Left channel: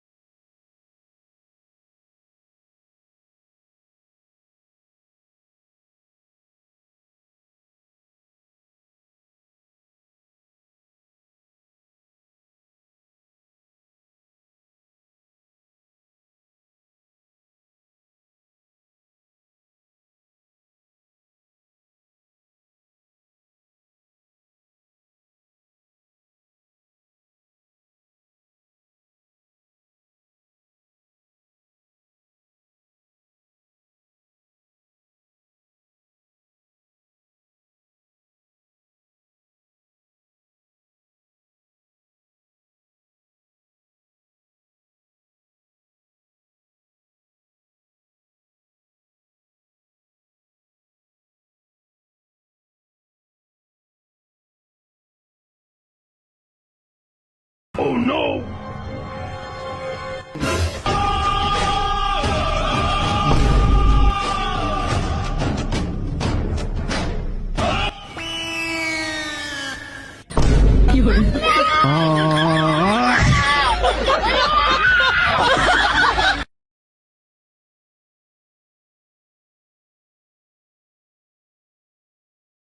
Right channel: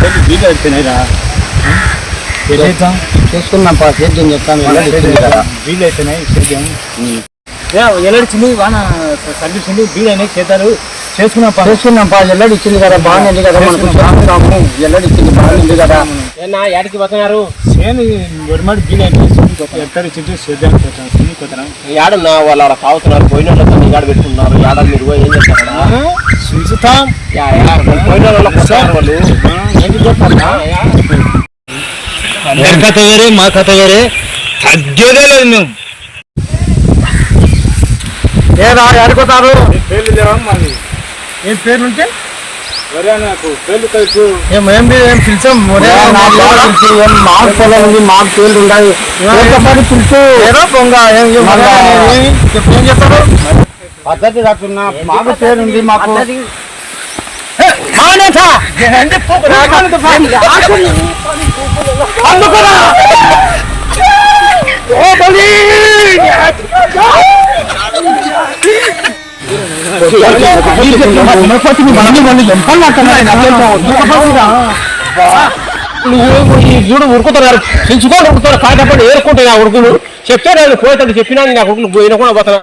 వీలు అయిపోయినాయిరా చేసుకున్నాం సేద్యం చెప్తాను వీలు అయిపోయినాయి సేద్యం ఎల్లడిచ్చింది వాన తగ్గించింది వీలు అయినాయి చేతారు చేసుకున్నాం ఎల్లడి ఇచ్చింది కదా బాగుంది కదా మనకు చేసుకున్నాము ఎల్లడి ఇచ్చింది బాగుంది కదా ఏడికి పోతున్నారు చేను గవర్నమెంట్ వీలు అయిపోయింది ఎక్కడ చింటూ సేద్యం ఏడన్నా వాళ్ళు ఆడ తాగుతున్నారు పోయిన వాళ్ళతో నిగాడు పెట్టుకున్నారు ఏడ మీరు పోయి ఏం చేస్తారా చూస్తాం పోయిన వాళ్ళకి వస్తారు వాళ్ళు అందరి కథ వేరే మా కథ వేరే తగ్గేదే లేదు మేము ఏదా ఆడుకోతారు పేర్లు లేవా మళ్ళీ ఏం పేర్లు ఉంటే నాకు పేర్లు తెలుసు ఏం పిలిచాం మాకు పొలం ఉంది మాకు పేర్లు ఉన్నాయి పిలుచు ఏదో పొంగ ఏం చేస్తారు పద్ధతి కాకుండా మాకు పేరు ఉంది మాకు చూడు ఉరుకుతున్నారు పెంచుకోండి ఉరుకుతారు కాకపోతే ఏరుకుంటాయి ఆ ఉరుకులు చెప్తే నేను పోయేటట్టు చెప్పినా నా ఉరుకులు పోయినా కూడా పోతున్నా